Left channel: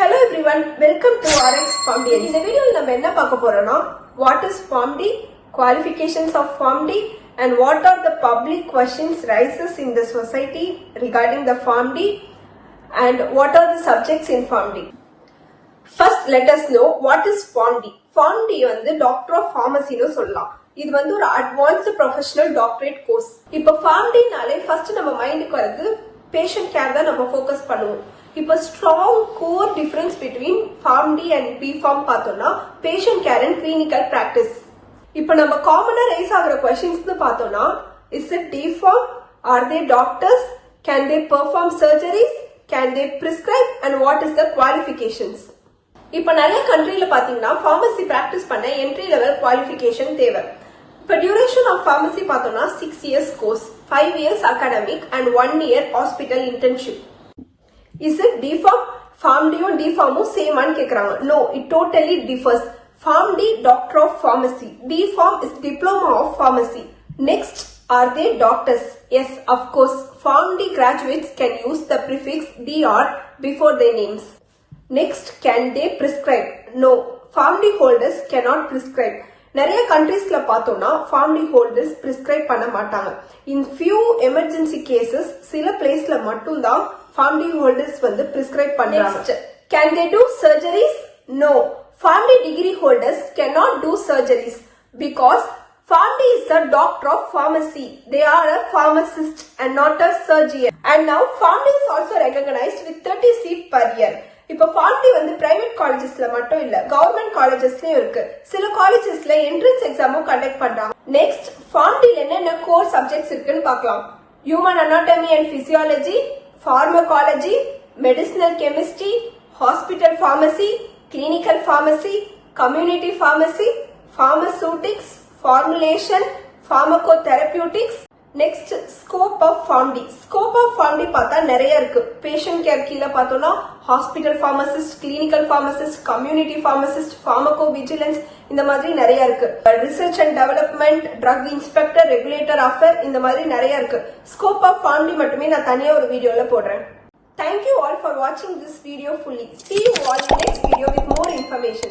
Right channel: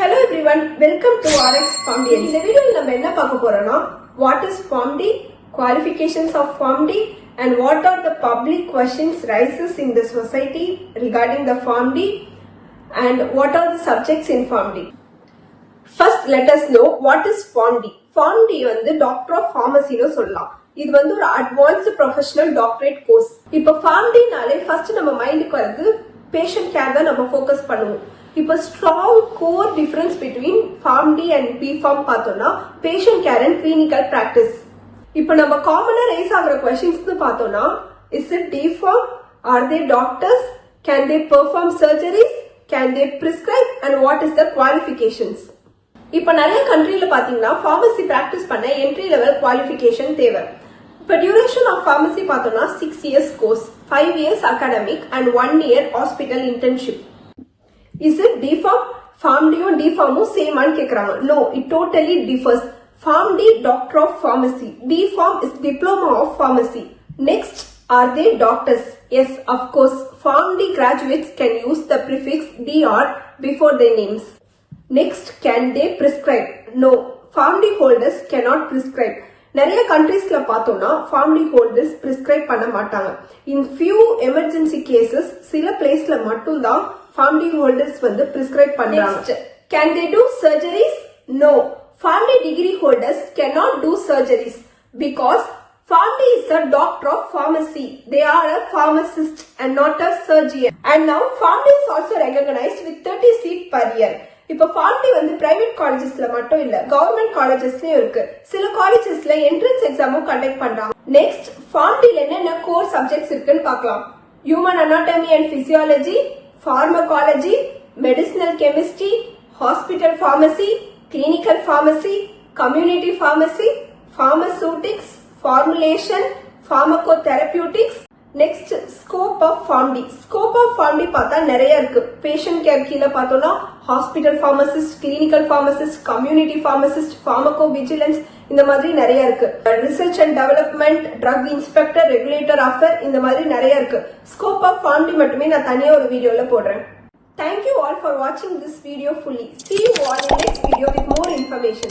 Hello everyone, welcome to RX PharmD. இந்த வீடியோல நம்ம என்ன பார்க்க போறோம்னா what is PharmD, qualifications of PharmD and what are the public questions rises in the society regarding the PharmD and what are the subjects in PharmD. First let us know what is PharmD. PharmD வந்து Doctor of Pharmacy னு சொல்லலாம். இது வந்து ஒரு advanced professional doctorate course. இப்போ PharmD நாலே first நம்ம மைண்டுக்கு வருது patient care தான் நம்ம ஃபோக்கஸ் பண்ணுவோம். இப்போ strong core difference between PharmD and B.Pharm பார்த்தோம்னா patient care and clinical practice. இப்போ நம்ம காமனா ரைஸ் ஆகுற क्वेश्चंस பார்த்தோம்னா is it D.Pharm? Are they doctors? Can they perform surgeries? Can they prescribe? And what is the qualifications? இப்போ நிறைய கண்ட்ரில பாத்தீங்கன்னா pharmacy practice பண்ண entry level qualification தேவை. இப்போ duration of pharmacy பார்த்தோம்னா 6 years course, 5 years academic and 1 year hospital internship. Is it D.Pharm? PharmD or D.Pharm same ஆன்னு கேக்குறாங்க. No, it totally differs. PharmD Doctor of Pharmacy. D.Pharm is Diploma of Pharmacy. Next, are they doctors? Yes, of course. PharmD graduates can use the prefix DR before their names. Next, can they prescribe? No, PharmD holders cannot prescribe. நிறைய கண்ட்ரீஸ்ல பார்த்தோம்னா PharmD holders prescribe பண்ண மாட்டாங்க. In few emergency cases சில பிளேஸ்ல மட்டும் தான் PharmD holders வந்து prescribe பண்றாங்க. Can they do surgeries? No. PharmD degree holders cannot do surgeries because PharmD is a doctor of pharmacy. They are a pharmacist and not a surgeon. And now PharmD is also recognized with 30 seats per year. இப்போ PharmD வந்து private காலேஜஸ்ல மட்டும் இல்ல, government காலேஜஸ்லயும் இருக்கு. சில காலேஜஸ்ல entrance எக்ஸாமும் conduct பண்றாங்க. Next, PharmD என்னென்ன core subjects இருக்குன்னு பார்க்கலாம். Human anatomy and physiology, pharmacology, medicinal chemistry, hospital pharmacy, clinical pharmacy, community pharmacy, pharmaceutics, formulation, pharmacotherapeutics. Next, scope of PharmD. Scope of PharmD பார்த்தா நிறைய இருக்கு. Patient care கீழ பார்த்தோம்னா hospital pharmacist, clinical pharmacist, community pharmacist, pharmacovigilance இந்த மாதிரி நிறைய இருக்கு. Research and development, drug inspector, regulator affair இந்த மாதிரி நிறைய இருக்கு. Scope of PharmD மட்டுமே நான் தனியா ஒரு வீடியோல போடுறேன். Thank you all for watching this video fully. See you all in next video with more information.